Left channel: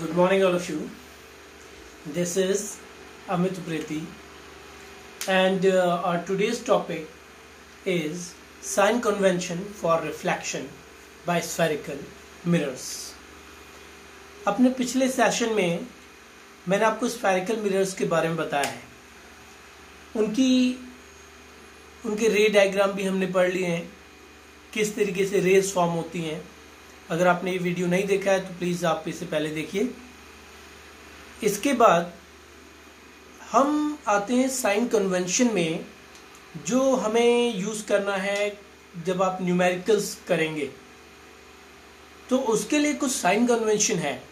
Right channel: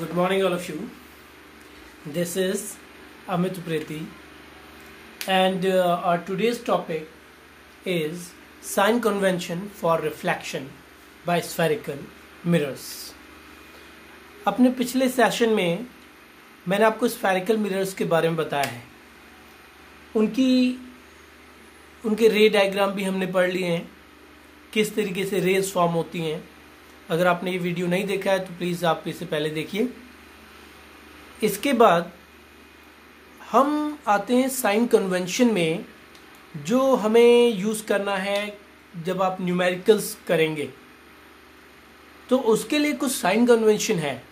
Good morning, all of you. This is Amit Upreti, and our today's topic is sign convention for reflection by spherical mirrors. अपने पिछले session में मैंने आपको spherical mirrors के बारे में बताया है. उनके रे डायग्राम भी हमने पढ़ लिए हैं, किस तरीके से रेज फॉर्म होती हैं. अगर आपने ये वीडियो नहीं देखा है तो प्लीज़ आप इसे पहले देखिए. इसके बाद हम आते हैं साइन कन्वेंशन में, जो हमें यूज़ करना है जब आप न्यूमेरिकल्स करेंगे. तो उसके लिए कुछ साइन कन्वेंशन है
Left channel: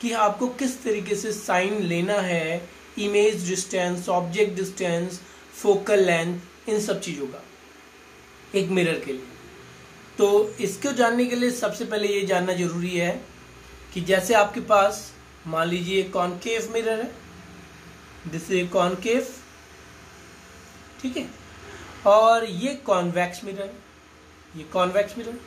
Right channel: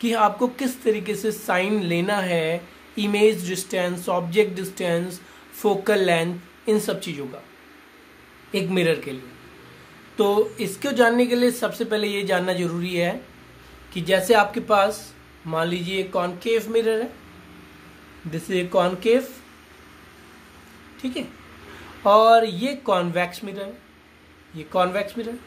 कि आपको किस तरीके से साइन लेना है, image distance, object distance, focal length, इन सब चीज़ों का एक मिरर के लिए. तो इसको जानने के लिए सबसे पहले ये जानना जरूरी है कि जैसे आपके पास मान लीजिए कॉनकेव मिरर है, दिस इज कॉनकेव, ठीक है, और ये कॉन्वेक्स मिरर है, ये कॉन्वेक्स मिरर.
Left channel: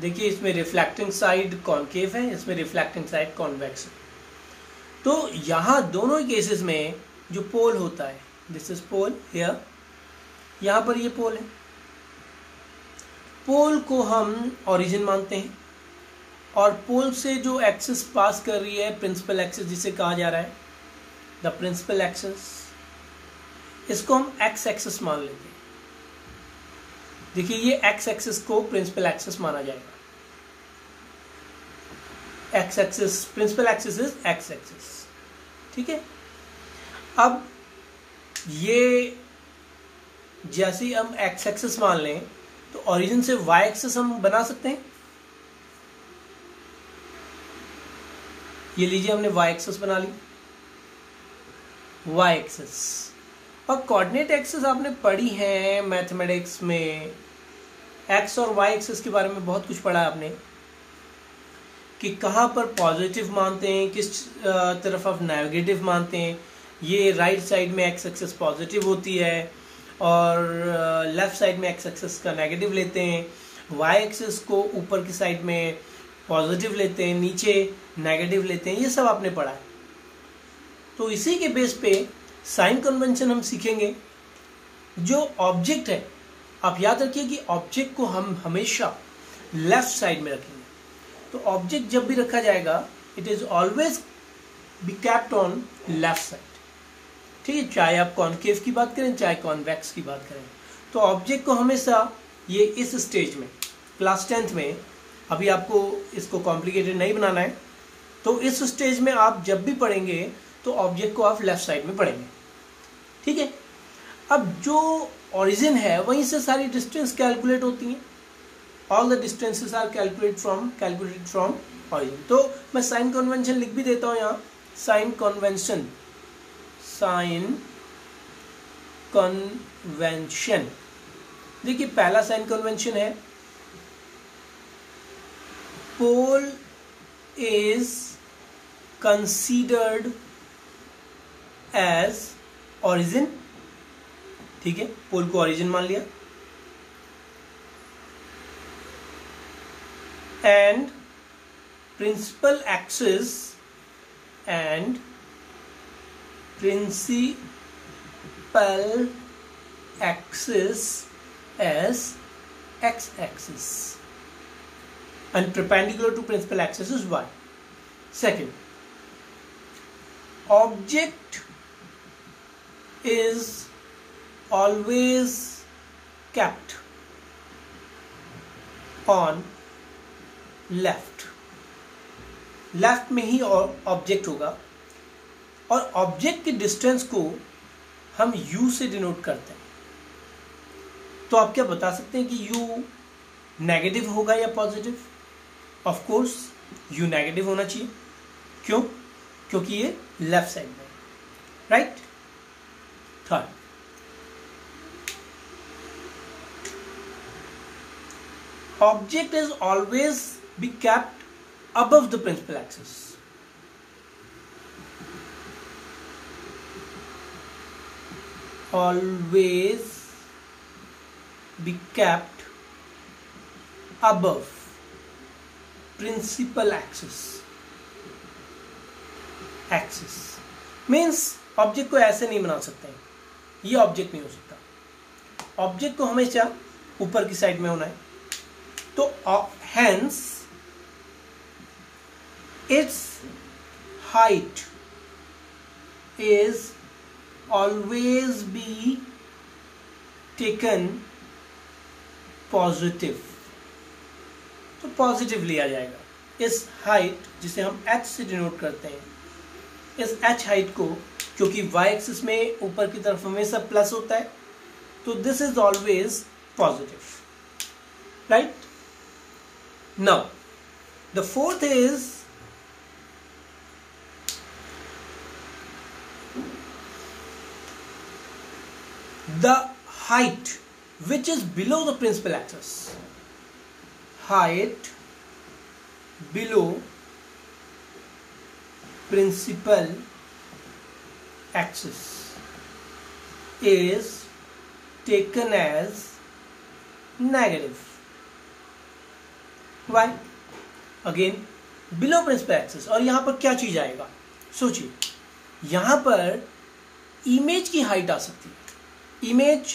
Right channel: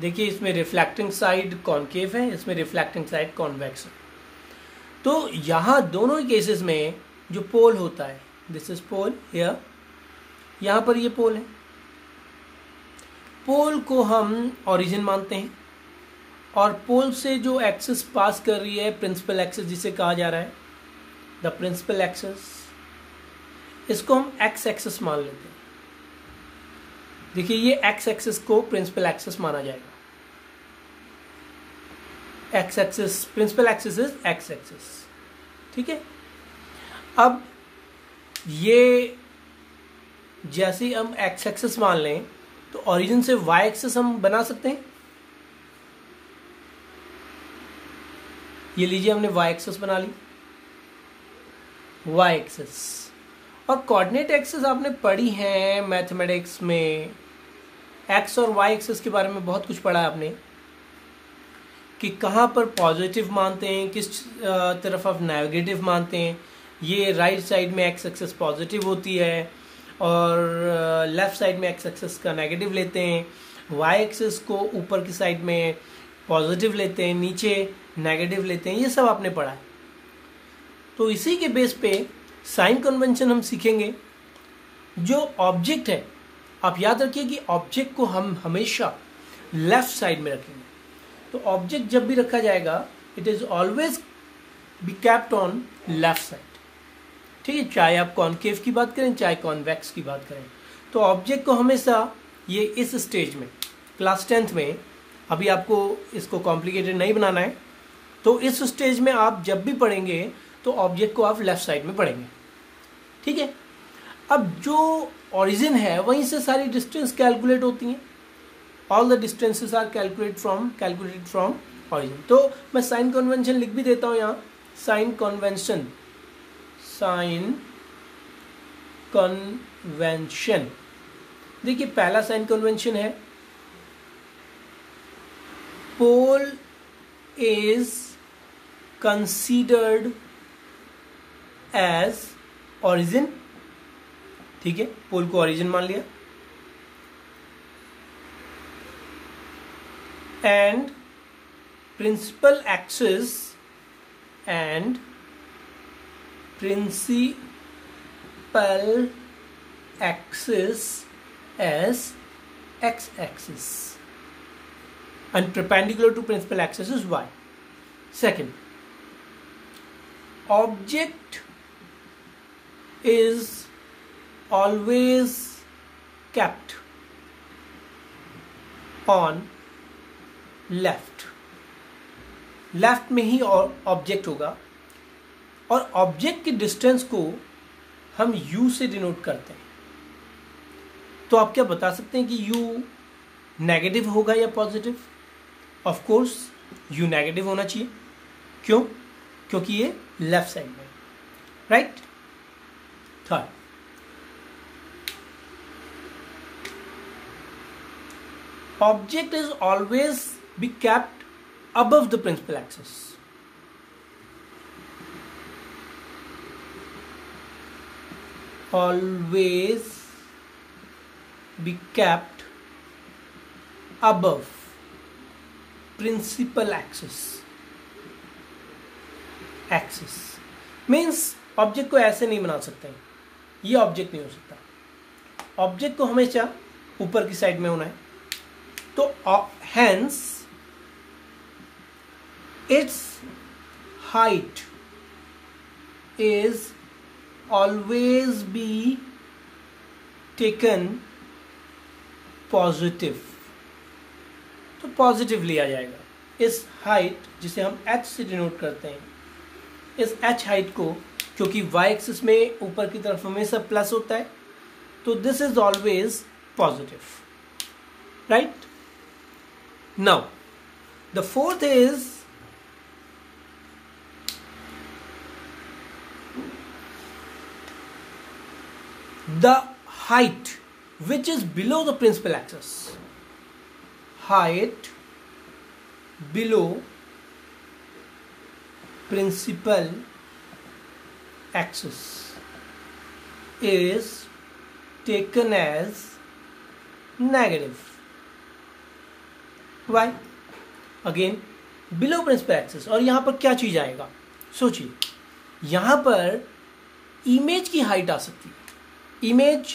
देखिए इसमें रिफ्लेक्टिंग साइड कॉनकेव है, इसमें रिफ्लेक्टिंग साइड कॉन्वेक्स है. तो यहां दोनों ही केसेस में जो पोल होता है, दिस इज पोल हियर, यहां पर ये पोल है. पोल को हम ओरिजिन मानते हैं और पोल से जो एक्सिस पास कर रही है, प्रिंसिपल एक्सिस जिसे कहा जा रहा है, द प्रिंसिपल एक्सिस, इसको हम एक्स एक्सिस मान लेते हैं. देखिए ये एक्स एक्सिस को प्रिंसिपल एक्सिस माना जाएगा. X axis, principal axis is X axis, ठीक है. अब ये जैसे हम एक्स एक्सिस मान लें तो ओरिजिन से वाई एक्सिस हम बना सकते हैं. ये लीजिए हमने वाई एक्सिस बना ली, वाई एक्सिस. और कोऑर्डिनेट एक्सिस आपने पढ़ी है मैथमेटिक्स में, एक्स और वाई एक्सिस के बारे में बहुत कुछ पढ़ा है आपने कि कहां पर पॉजिटिव मानते हैं, किस तरफ आप नेगेटिव मानते हैं. ये राइट साइड में एक्स एक्सिस पॉजिटिव होती है और लेफ्ट साइड में एक्स एक्सिस का नेगेटिव लेते हैं. वाई एक्सिस को ऊपर की साइड में पॉजिटिव लेते हैं, नीचे नेगेटिव लेते हैं. ये सब आपने पढ़ा है. तो इसी के बेस पे साइन कन्वेंशन हम सीखेंगे. जो ऑब्जेक्ट है, आप याद रखिए कि ऑब्जेक्ट को हम हमेशा लेफ्ट साइड में रखेंगे. तो ऑब्जेक्ट जब भी रखा जाएगा, it is always be kept on left side, ठीक है. चाहे आप कॉनकेव की बात करें, चाहे कॉन्वेक्स की बात करें. तो ऑब्जेक्ट को हमेशा ये इस स्टेज में, क्लास 10th में, अभी आपको इसको कॉम्प्लिकेटेड नहीं बनाना है, तो इस स्टेज में आप जब भी पढ़ेंगे तो ऑब्जेक्ट को आप लेफ्ट साइड में पढ़ेंगे, ठीक है. अब जो ओरिजिन है वहीं से सारी डिस्टेंस कैलकुलेट होती हैं. All the distances are calculated from origin. तो मैं साइन कन्वेंशन लिख भी देता हूं यहाँ. Sign convention, sign convention. देखिए पहला साइन कन्वेंशन है, pole is considered as origin, ठीक है. पोल को ओरिजिन मान लिया. And principal axis and principal axis as x-axis and perpendicular to principal axis is y. Second, object is always kept on left. Left में ही object होगा और object की distance को हम u से डिनोट करते हैं. तो आप क्या बता सकते हैं कि u नेगेटिव होगा या positive? Of course u negative होना चाहिए. क्यों? क्योंकि ये लेफ्ट साइड में, right. Third, object is always be kept above the principal axis. always be kept above principal axis. Axis means object को ऐसे नहीं बना सकते हैं, ये ऑब्जेक्ट नहीं हो सकता, ऑब्जेक्ट को हमेशा ऊपर की साइड में होना है। तो hence it's height is always be taken positive, तो पॉजिटिव लिया जाएगा इस हाइट जिसे हम h से डिनोट करते हैं, इस h हाइट को, क्योंकि y एक्सिस में ऊपर की तरफ हमेशा प्लस होता है, तो this is always positive, right. Now the fourth is the height which is below the principal axis. Height below principal axis is taken as negative. Why? Again, below principal axis, और यहां पर क्या चीज आएगा, सोचिए, यहां पर इमेज की हाइट आ सकती है, इमेज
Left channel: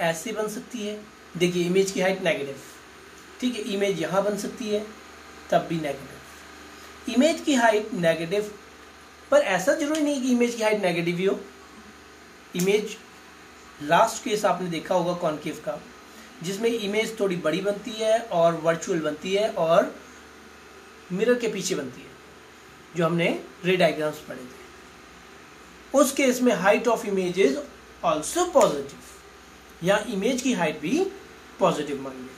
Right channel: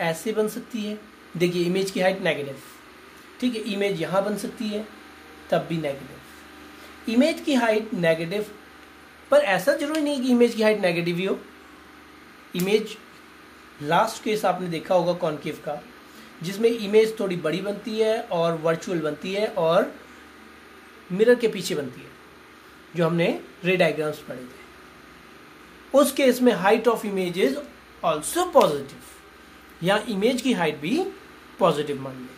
ऐसे बन सकती है, देखिए इमेज की हाइट नेगेटिव, ठीक है, इमेज यहां बन सकती है तब भी नेगेटिव, इमेज की हाइट नेगेटिव, पर ऐसा जरूरी नहीं कि इमेज की हाइट नेगेटिव ही हो। इमेज लास्ट केस आपने देखा होगा कॉनकेव का, जिसमें इमेज थोड़ी बड़ी बनती है और वर्चुअल बनती है और मिरर के पीछे बनती है, जो हमने रे डायग्राम्स पढ़े थे। उस केस में height of image is also positive, यहाँ इमेज की हाइट भी पॉजिटिव मान ली।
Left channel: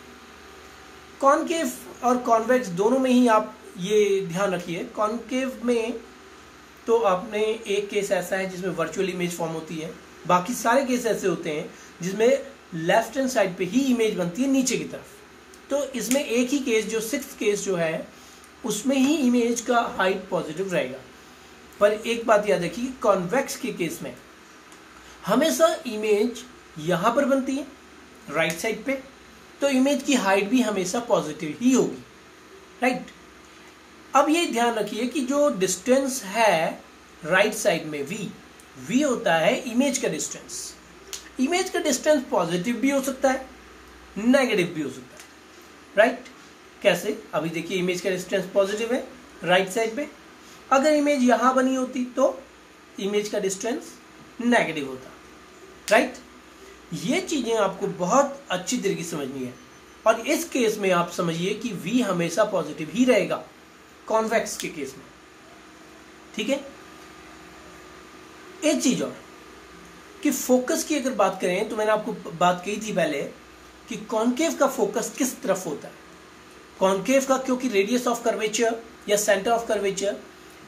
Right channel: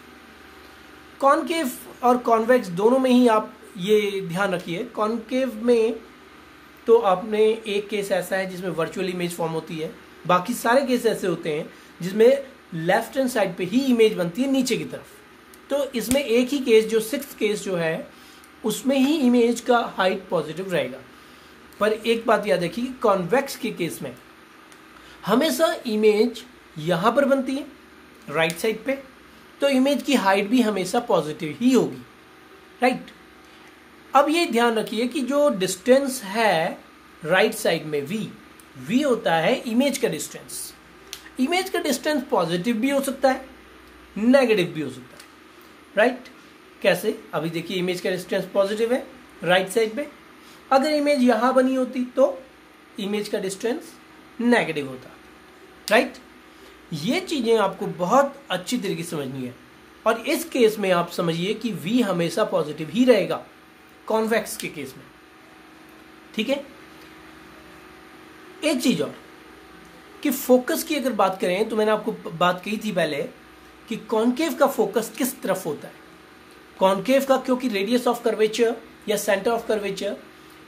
कॉनकेव और कॉन्वेक्स दोनों में ही आप ये ध्यान रखिए। कॉनकेव में तो आपने एक केस ऐसा है जिसमें वर्चुअल इमेज फॉर्म होती है, बाकी सारे केस ऐसे होते हैं जिसमें लेफ्ट हैंड साइड पे ही इमेज बनती है नीचे की तरफ। तो इसमें एक ही केस, जो सिक्स्थ केस जो है, उसमें ही इमेज का हाइट पॉजिटिव रहेगा। पर एक बात याद रखिए, कॉन्वेक्स के केस में हमेशा इमेज यहां पर बनती है राइट साइड पे, तो इमेज की हाइट भी हमेशा पॉजिटिव ही होगी, राइट। अब ये ध्यान रखिए कि जो डिस्टेंस है राइट साइड में v होता है इमेज का डिस्टेंस। इमेज का डिस्टेंस पॉजिटिव भी हो सकता है, नेगेटिव भी हो सकता है, राइट। कैसे? अभी देखिए इमेज का डिस्टेंस पॉजिटिव है राइट साइड पे, अगर इमेज यहां बनी होती तो इमेज का डिस्टेंस नेगेटिव होता, राइट। ये चीजें आपको बहुत अच्छी तरीके से समझनी है, और इस केस में आप समझिए कि v हमेशा पॉजिटिव ही रहेगा कॉन्वेक्स के केस में, ठीक है। एक चीज और कि फोकस की अगर बात करें तो मैंने आपको बात कही थी पहले कि कॉनकेव का फोकस किस तरफ होता है। कॉनकेव का क्योंकि रेडियस ऑफ कर्वेचर या सेंटर ऑफ कर्वेचर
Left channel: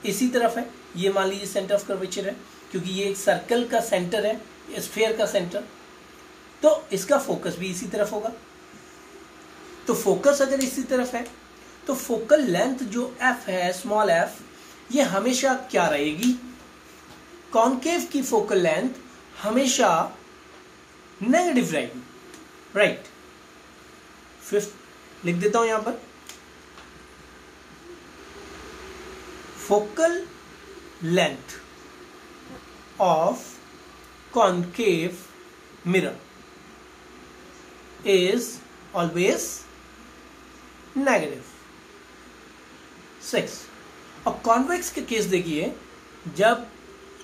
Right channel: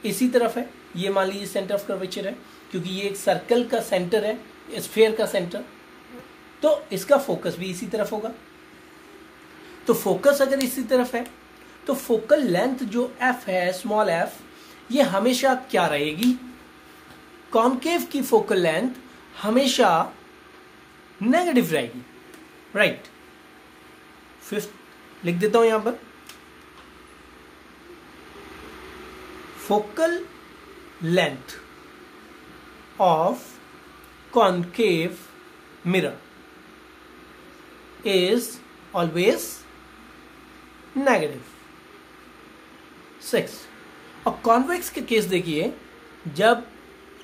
इसी तरफ है, ये मान लीजिए सेंटर ऑफ कर्वेचर है, क्योंकि ये एक सर्कल का सेंटर है, स्फीयर का सेंटर, तो इसका फोकस भी इसी तरफ होगा। तो फोकस अगर इसी तरफ है तो फोकल लेंथ जो f है, स्मॉल f, ये हमेशा क्या रहेगी, कॉनकेव की फोकल लेंथ हमेशा नेगेटिव रहेगी, राइट। फिफ्थ लिख देता हूं यहां पर, focal length of concave mirror is always negative. 6, और कॉन्वेक्स के केस देखिए, जब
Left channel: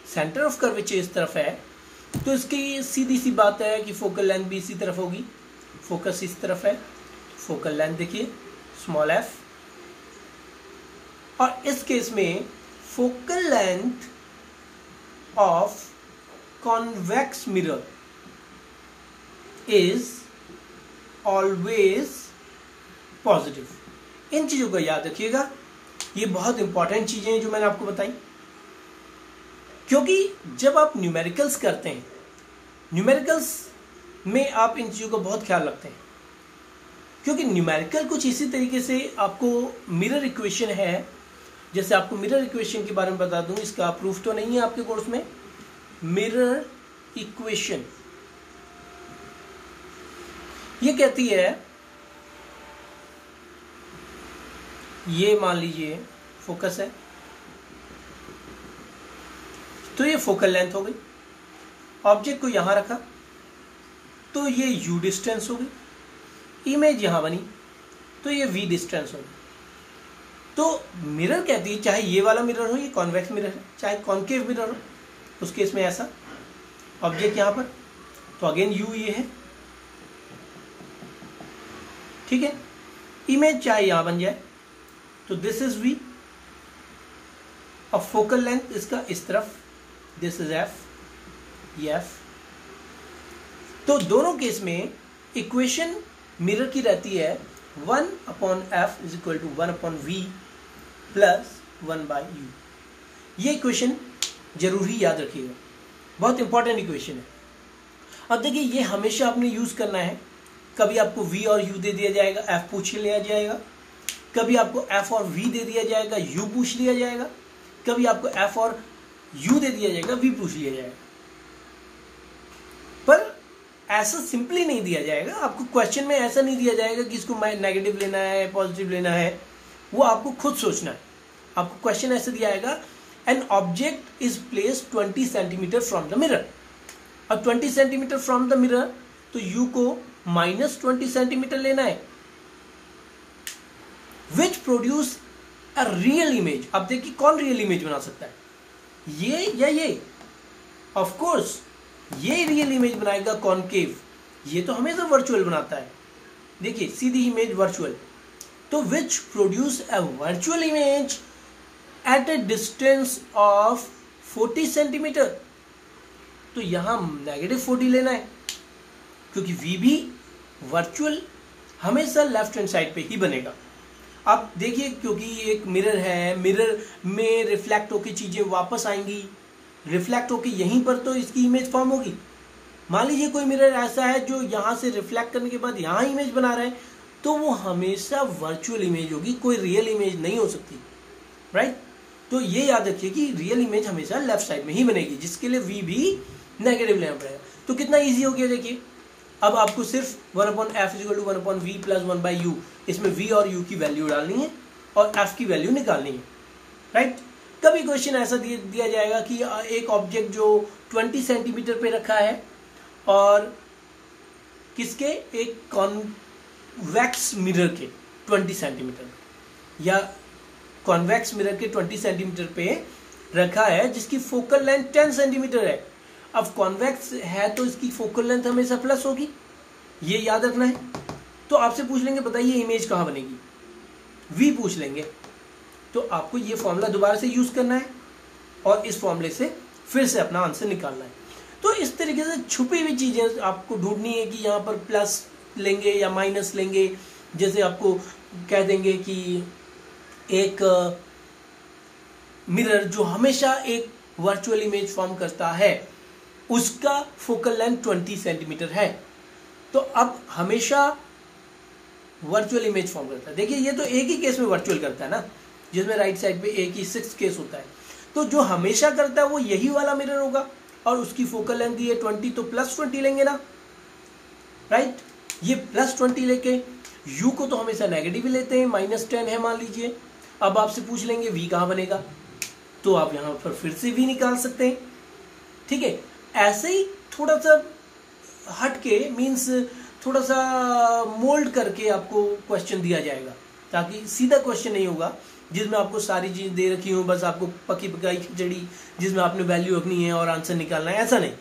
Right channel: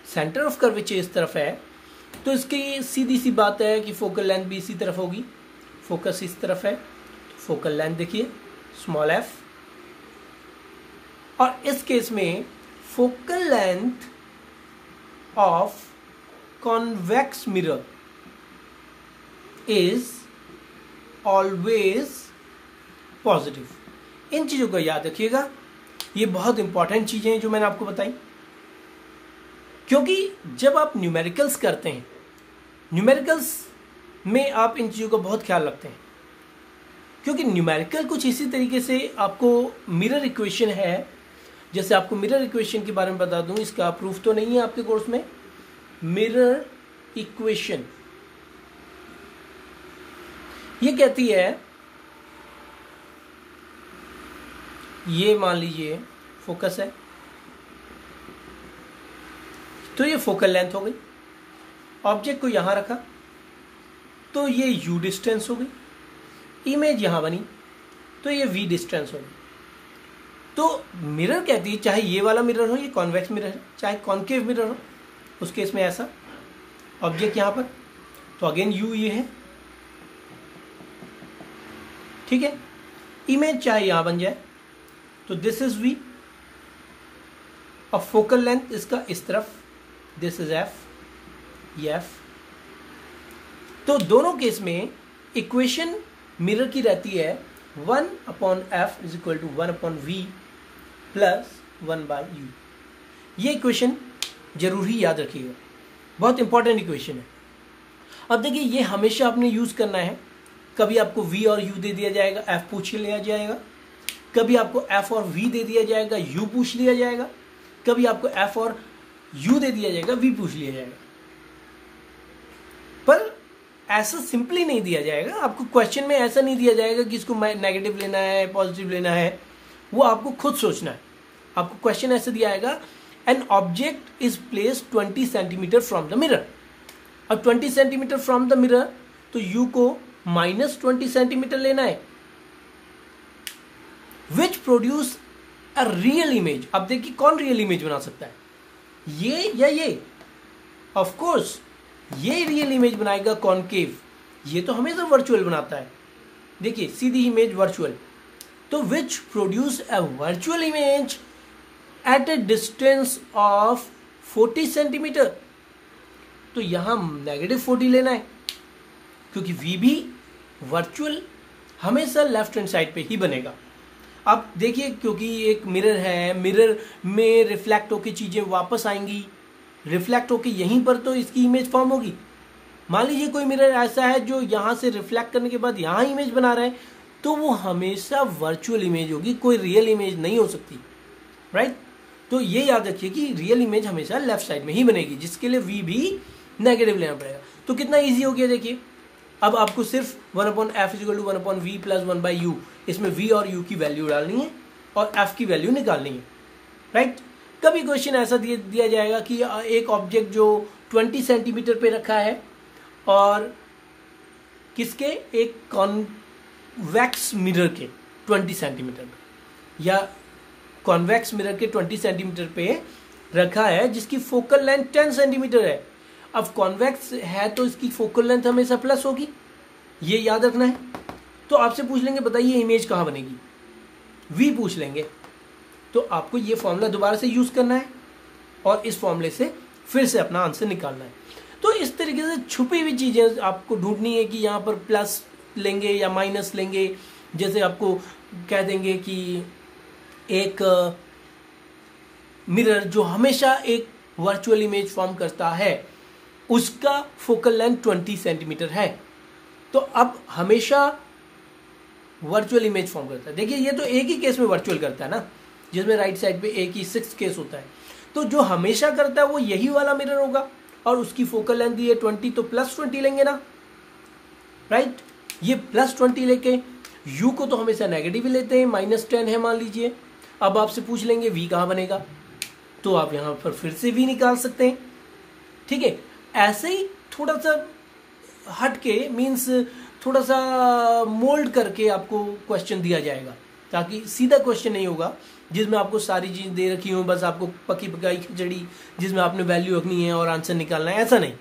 सेंटर ऑफ कर्वेचर इस तरफ है तो इसकी सीधी सी बात है कि फोकल लेंथ भी इसी तरफ होगी, फोकस इस तरफ है, फोकल लेंथ देखिए स्मॉल f, और इस केस में focal length of convex mirror is always positive. इन चीजों को याद रखिएगा, ये बहुत इंपॉर्टेंट चीजें हैं जो मैंने आपको बताई, क्योंकि जब आप न्यूमेरिकल्स करते हैं, न्यूमेरिकल्स में आप इन चीजों का बहुत ख्याल रखते हैं, क्योंकि न्यूमेरिकल कुछ इसी तरीके से आपको मिरर इक्वेशन है, जैसे आपको मिरर इक्वेशन के बारे में बता दूं, इसका प्रूफ तो नहीं है आपके कोर्स में। मिरर इक्वेशन ये कहती है, ये मान लीजिए फोकस है, तो ये फोकल लेंथ हो गई। ऑब्जेक्ट को यहां रखा तो ये u डिस्टेंस हो गई। इमेज यहां बनी तो ये v डिस्टेंस हो गई। तो मिरर कहती है चाहे ये वाला मिरर हो, ये कॉन्वेक्स मिरर है, चाहे कॉन्केव मिरर हो, उस केस में ऐसा ऑब्जेक्ट यहां पर, तो अगेन u ये है, ठीक है। इमेज चाहे यहां बन जाए तो दिस इज v और फोकल लेंथ इसका इस तरफ, दिस इज f, ये f। तो दोनों केस में इक्वेशन मिरर की रहती है 1/f is equal to 1/v plus 1/u। ये इक्वेशन जरूरी याद रखिएगा, बहुत इंपॉर्टेंट इक्वेशन है। अब देखिए ये हमेशा आपने यूज करना है। कभी आपको v और u दे दिया जाएगा, f पूछ लिया जाएगा। कभी आपको f और v दे दिया जाएगा, u पूछ लिया जाएगा। कभी आपको f और u दे दिया जाएगा, v पूछ लिया जाएगा। पर ऐसा सिंपली नहीं दिया जाएगा। आपको क्वेश्चन में ऐसा नहीं दिया जाएगा कि इसको नेगेटिव लेना है, पॉजिटिव लेना है, वो आपको खुद सोचना है। आपको क्वेश्चन ऐसे दिया जाएगा, an object is placed 20 centimetre from the mirror. अब 20 सेंटीमीटर फ्रॉम द मिरर, तो u को -20 सेंटीमीटर लेना है, which produce a real image. अब देखिए कौन रियल इमेज बना सकता है, ये या ये? ऑफ कोर्स ये रियल इमेज बनाएगा कॉनकेव, ये तो हमेशा वर्चुअल बनाता है। देखिए सीधी इमेज वर्चुअल, तो which produce a virtual image at a distance of 40 centimetre. तो यहां -40 लेना है, क्योंकि v भी वर्चुअल हमेशा लेफ्ट हैंड साइड पे ही बनेगा। अब देखिए क्योंकि एक मिरर है, मिरर में रिफ्लेक्ट होकर चीजें वापस आएंगी, रिफ्लेक्ट होकर यहीं पर तो इसकी इमेज फॉर्म होगी। मान लीजिए कोई मिरर ऐसा है जो यहां से रिफ्लेक्ट करने के बाद यहां इमेज बना रहा है, तो वो हमेशा वर्चुअल इमेज होगी, कोई रियल इमेज नहीं हो सकती, राइट। तो ये याद रखिए कि रियल इमेज हमेशा लेफ्ट साइड में ही बनेगी, जिसके लिए v भी नेगेटिव लेना पड़ेगा। तो कितना इजी हो गया देखिए। अब आपको सिर्फ 1/f = 1/v प्लस 1/u, इसमें v और u की वैल्यू डालनी है और f की वैल्यू निकालनी है, राइट। कभी क्वेश्चन ऐसा दिया जाएगा कि एक ऑब्जेक्ट जो 20 सेंटीमीटर पे रखा है और किसके, एक कॉन्वेक्स मिरर के 20 सेंटीमीटर पे, या कॉन्वेक्स मिरर के 20 सेंटीमीटर पे रखा है, जिसकी फोकल लेंथ 10 सेंटीमीटर है। अब कॉन्वेक्स है तो इसकी फोकल लेंथ हमेशा प्लस होगी, ये याद रखना है। तो आपसे पूछ लेंगे बताइए इमेज कहां बनेगी, v पूछ लेंगे, तो आपको ये फॉर्मूला दोबारा से यूज करना है और इस फॉर्मूले से फिर से अपना आंसर निकालना है। तो इस तरीके से छुपी हुई चीजें आपको ढूंढनी है कि यहाँ पर प्लस लेंगे या माइनस लेंगे। जैसे आपको कह देंगे कि एक मिरर जो हमेशा एक वर्चुअल इमेज फॉर्म करता है, उसका फोकल लेंथ 20 सेंटीमीटर है, तो अब हमेशा वर्चुअल इमेज फॉर्म करता है। देखिए ये तो एक ही केस में वर्चुअल करता है ना, जिसमें राइट साइड पे एक ही 6 केस होता है। तो जो हमेशा करता है वो यही वाला मिरर होगा, और उसकी फोकल लेंथ ये 20, तो +20 लेंगे ना, राइट। ये +20 लेके u को तो हमेशा नेगेटिव ही लेते हैं, -10 है मान लीजिए। अब आपसे पूछ लेंगे v कहां बनेगा, तो आप यहां पर फिर से v निकाल सकते हैं, ठीक है। ऐसे ही थोड़ा सा हटके, मीन्स थोड़ा सा मोल्ड करके आपको क्वेश्चन दिया जाएगा, ताकि सीधा क्वेश्चन नहीं होगा जिसमें आपको सारी चीज दे रखी हो, बस आपको पकी पकाई खिचड़ी जिसमें आपने वैल्यू रखनी है और आंसर निकालना है, ऐसा नहीं।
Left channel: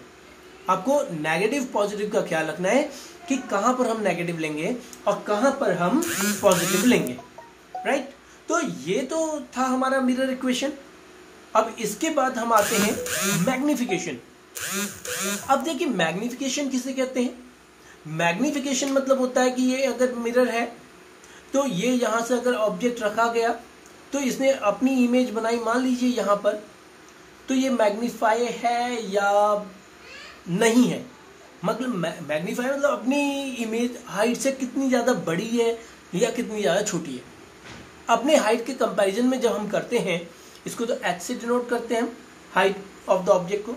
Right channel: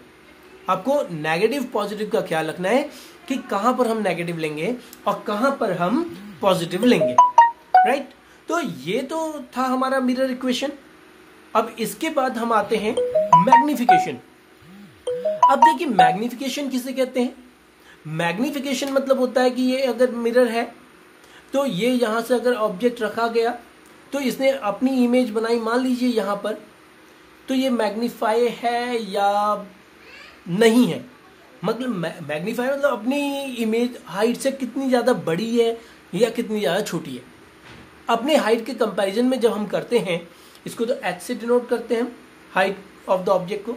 आपको नेगेटिव पॉजिटिव का ख्याल रखना है कि कहां पर हम नेगेटिव लेंगे और कहां पर हम पॉजिटिव लेंगे, राइट। तो ये तो था हमारा मिरर इक्वेशन। अब इसके बाद हम आते हैं मैग्निफिकेशन। अब देखिए मैग्निफिकेशन किसे कहते हैं। मैग्निफिकेशन मतलब होता है कि ये अगर मिरर है तो ये यहां से अगर ऑब्जेक्ट रखा गया तो इसने अपनी इमेज बनाई, मान लीजिए यहां पर, तो ये मैग्नीफाई है या नहीं है। मतलब मैग्नीफाई मतलब अपनी इमेज हाइट से कितनी ज्यादा बड़ी है या कितनी ज्यादा छोटी है। अपने हाइट के कंपैरिजन में जब हम करते हैं, इसको तो h से डिनोट करते हैं, हाइट ऑफ द ऑब्जेक्ट को,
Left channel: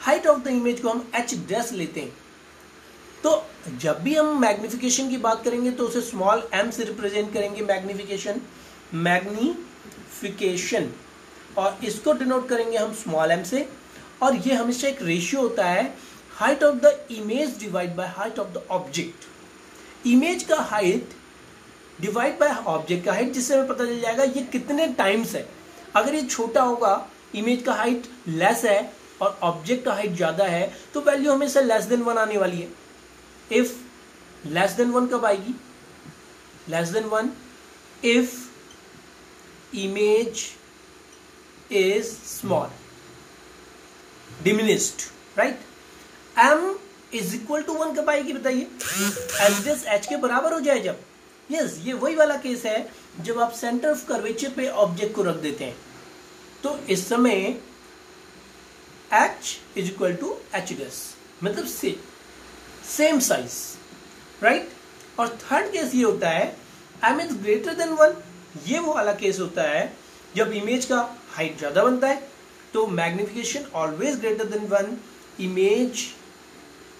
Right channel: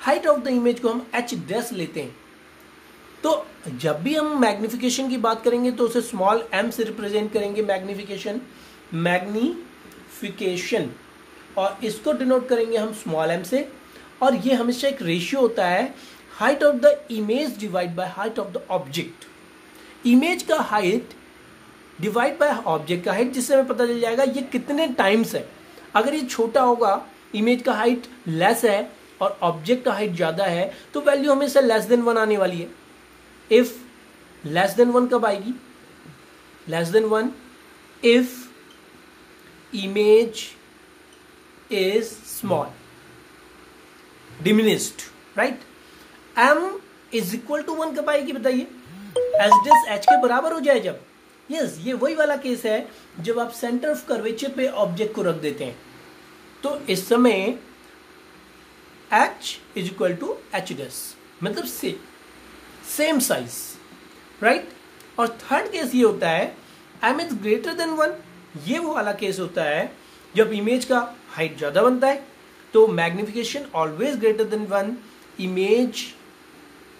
हाइट ऑफ द इमेज को हम h' लेते हैं। तो जब भी हम मैग्निफिकेशन की बात करेंगे तो उसे स्मॉल m से रिप्रेजेंट करेंगे, मैग्निफिकेशन, और इसको डिनोट करेंगे हम स्मॉल m से, और ये हमेशा एक रेशियो होता है height of the image divide by height of the object. Image का हाइट डिवाइड बाय ऑब्जेक्ट का हाइट, जिससे हमें पता चल जाएगा ये कितने टाइम्स है। अगर ये छोटा होगा, इमेज का हाइट लेस है और ऑब्जेक्ट का हाइट ज्यादा है, तो वैल्यू हमेशा लेस देन 1 आने वाली है। इफ लेस देन 1 कब आएगी? Less than 1 if image is small, diminished, right. m is equal to 1 कब आएगी बताइए? h के बराबर हो जाए जब। यस, ये वही वाला केस है जब आप सेंटर ऑफ कर्वेचर पे ऑब्जेक्ट को रख देते हैं, तो इस समय h is equal to h dash, मतलब सेम साइज, राइट। और थर्ड केस ये होता है m इज ग्रेटर देन 1। ये वो वाला केस होता है जब इमेज का हाइट ज्यादा बनता है, तो magnification always greater than 1, image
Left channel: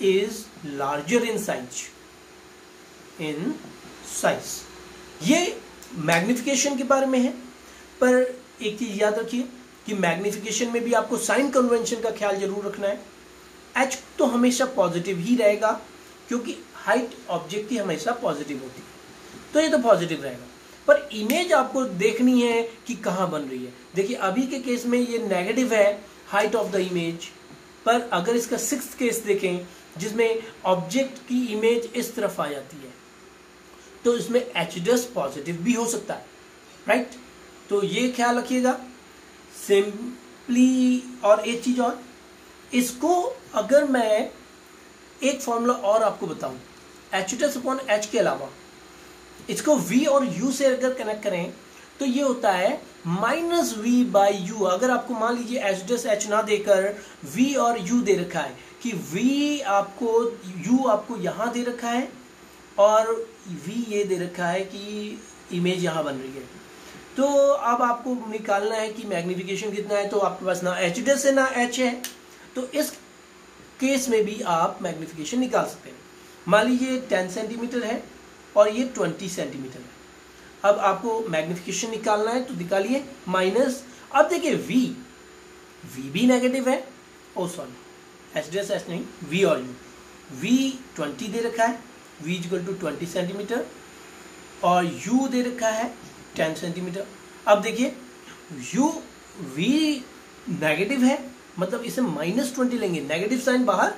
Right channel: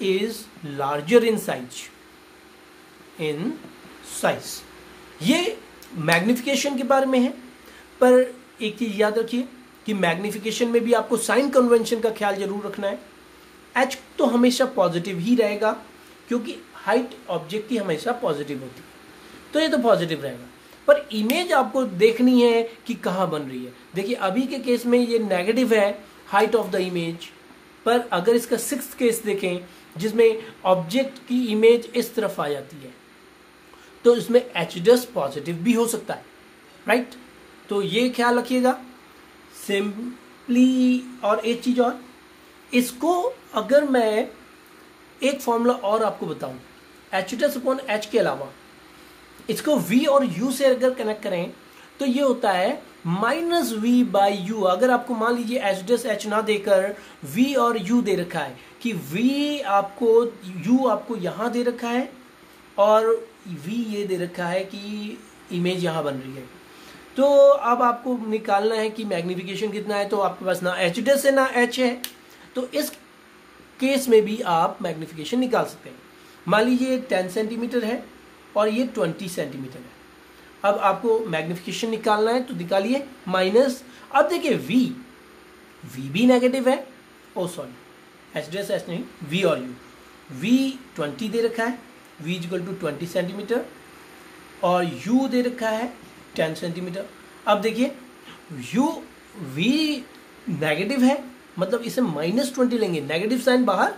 is larger in size. ये मैग्निफिकेशन के बारे में है। पर एक चीज याद रखिए कि मैग्निफिकेशन में भी आपको साइन कन्वेंशन का ख्याल जरूर रखना है। h तो हमेशा पॉजिटिव ही रहेगा, क्योंकि हाइट ऑब्जेक्ट की हमेशा पॉजिटिव होती है, तो ये तो पॉजिटिव रहेगा। पर इमेज आपको देखनी है कि कहां बन रही है। देखिए अभी के केस में ये नेगेटिव है हाइट ऑफ द इमेज, पर अगर इसका 6th केस देखें जिसमें ऑब्जेक्ट की इमेज इस तरफ आ जाती है, तो इसमें h डैश पॉजिटिव भी हो सकता है, राइट। तो ये ख्याल रखिएगा सिंपली। और एक चीज और, इसको अगर मैं एक फॉर्मूला और आपको बताऊं, h डैश अपॉन h के अलावा इसको v और u से अगर कनेक्ट करें तो ये होता है माइनस वी बाई यू। अगर आपको मान लीजिए एच डैश एच ना देकर v और u दे रखा है कि v आपको u आपको यहां दे रखा है और v ये दे रखा है कि इमेज यहां बन रही है, तो अब आपको निकालना है कि मैग्निफिकेशन कितना है। तो आपके पास ना एच डैश है ना h है, तो इस केस में भी आप मैग्निफिकेशन निकाल सकते हैं। मान लीजिए 10 सेंटीमीटर है और ये 20 सेंटीमीटर है। अब आपको मैग्निफिकेशन निकालना है, तो निकालिए माइनस। अब देखिए v भी नेगेटिव है, ओ सॉरी एच डैश एच नहीं, v और u। v 20 दे रखा है, v इक्वल टू 20 सेंटीमीटर, और u दे रखा है 10 सेंटीमीटर। अब देखिए v नेगेटिव है, मतलब इसे -20 लेंगे, नेगेटिव साइन बाहर,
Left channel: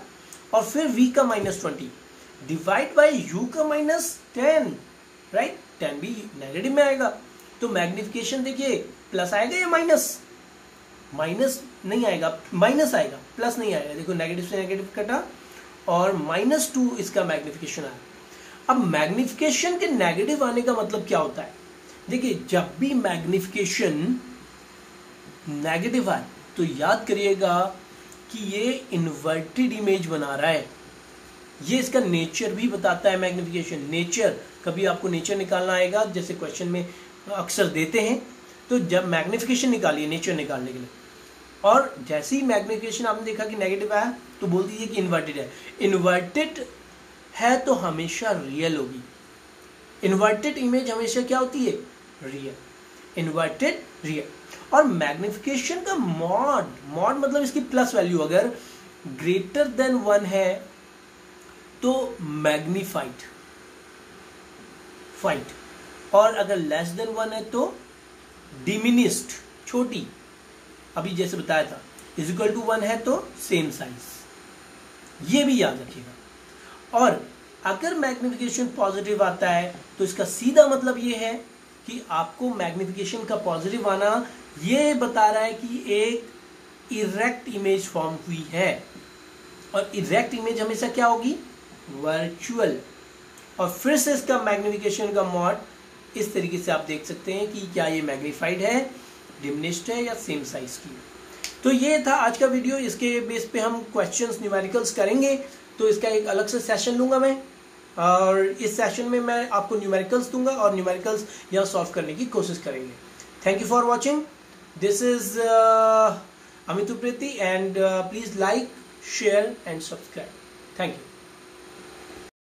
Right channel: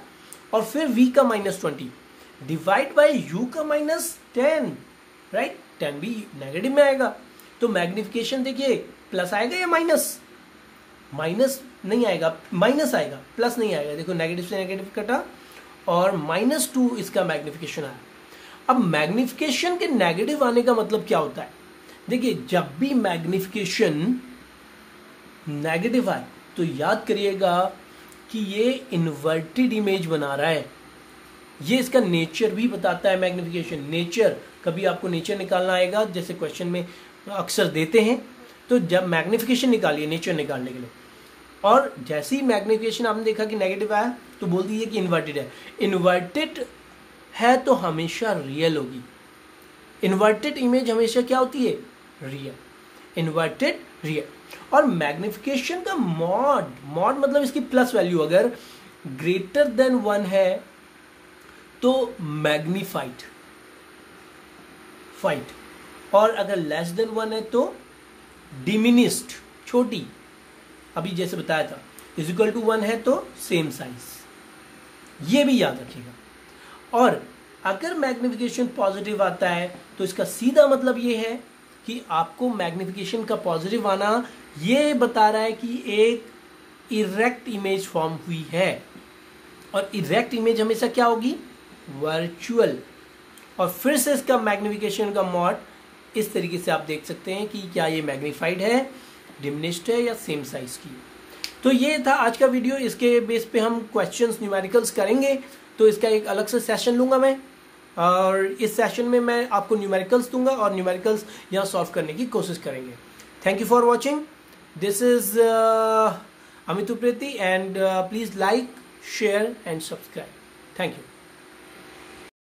और फिर v का -20 डिवाइड बाय u का -10, राइट। 10 भी नेगेटिव में आएगा, तो मैग्निफिकेशन देखिए प्लस आएगा या माइनस? माइनस नहीं आएगा, माइनस आएगा, प्लस नहीं आएगा। देखो नेगेटिव से नेगेटिव कटा और -2 इसका मैग्निफिकेशन आया। अब मैग्निफिकेशन के नेगेटिव आने का मतलब क्या होता है? देखिए जब भी मैग्निफिकेशन नेगेटिव आए तो याद करिएगा कि ये इन्वर्टेड इमेज बना रहा है। ये इसका नेचर भी बताता है मैग्निफिकेशन। नेचर, कभी आपको नेचर निकालना आएगा, जैसे क्वेश्चन में अक्सर देते हैं, तो जब मैग्निफिकेशन निकालिए नेचर निकालने के लिए, और जैसे ही मैग्निफिकेशन आपने देखा कि नेगेटिव आया तो बोल दीजिए कि इन्वर्टेड है। इन्वर्टेड है तो हमेशा रियल होगी। इन्वर्टेड इमेज हमेशा क्या होती है? रियल। Inverted real. और मैग्निफिकेशन का मॉड मतलब इसकी प्लस वैल्यू अगर ग्रेटर देन 1 है तो मैग्निफाइड, और अगर लेस देन 1 है तो डिमिनिस्ड, छोटी। अभी जैसे बताया था इज इक्वल टू 1 है तो सेम साइज। ये भी याद रखिएगा। और अगर मैग्निफिकेशन पॉजिटिव आता है तो इसका सीधा मतलब ये है कि आपको मैग्निफिकेशन का पॉजिटिव आना ये बता रहा है कि एक इरेक्ट इमेज फॉर्म हुई है। और इरेक्ट इमेज हमेशा क्या होगी? वर्चुअल। और फिर से इसका मैग्निफिकेशन का मॉड इस तरीके से आप देख सकते हैं कि क्या ये मैग्निफाइड है, डिमिनिश्ड है या सेम साइज की। तो ये था आज का वीडियो। इसके बेस पे हम क्वेश्चंस न्यूमेरिकल्स करेंगे, तो इसका एक अलग से सेशन लूंगा मैं, और इस सेशन में मैं आपको न्यूमेरिकल्स दूंगा और न्यूमेरिकल्स यहाँ सॉल्व करने की कोशिश करेंगे। Thank you for watching. This is Amit Upreti, and please like, share and subscribe. Thank you.